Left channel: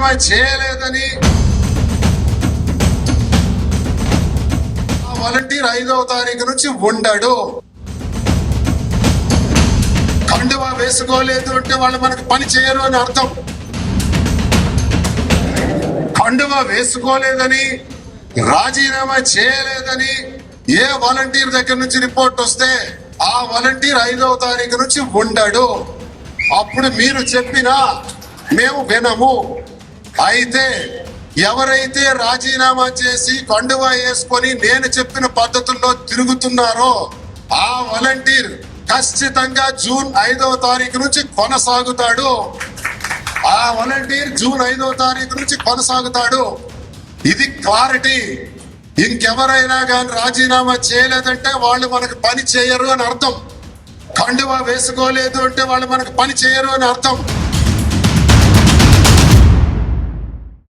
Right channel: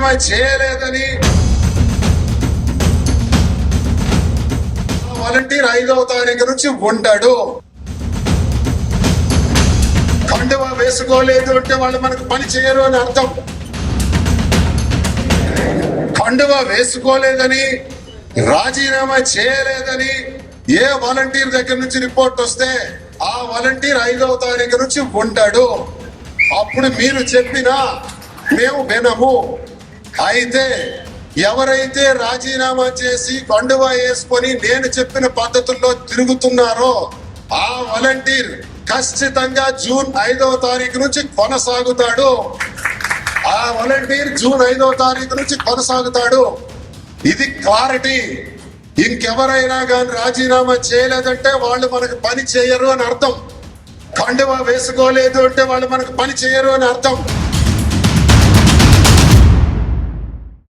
రాజీనామా చేయలేదని ఆ వాలంటీర్ ఐదవ తారీఖు నుంచి ఉండడు కండువా వేసుకోలేదు అంటే వాళ్ళు మనకు పని చేయరు అని అర్థం. కండువా వేసుకోలేదని రాజీనామా చేయలేదని ఏ వాలంటీర్ దగ్గర నుంచి రిపోర్ట్ వస్తే ఆ వాలంటీర్ ఐదవ తారీఖు నుంచి ఉండడు అప్పుడు మీరు చెప్పినా మేము వినము. అయితే ఎవరైతే రాజీనామా చేసి కండువా వేసుకొని నేను చెప్పిన పద్ధతుల్లో తిరుగుతున్నారో ఆ వాలంటీర్ ఖచ్చితంగా జూన్ ఐదవ తారీఖు నుంచి కొనసాగుతాడు. ఆ వాలంటీర్ జూన్ ఐదవ తారీఖు నుంచి కొనసాగుతాడు. ఇది క్లారిటీ. ఇంకెవరైనా కానీ రాజీనామా చేయలేదంటే వాళ్ళు మనకు పని చేయరు అని అర్థం. కండువా వేసుకోలేదు అంటే వాళ్ళు మనకు పని చేయరు అని అర్థం.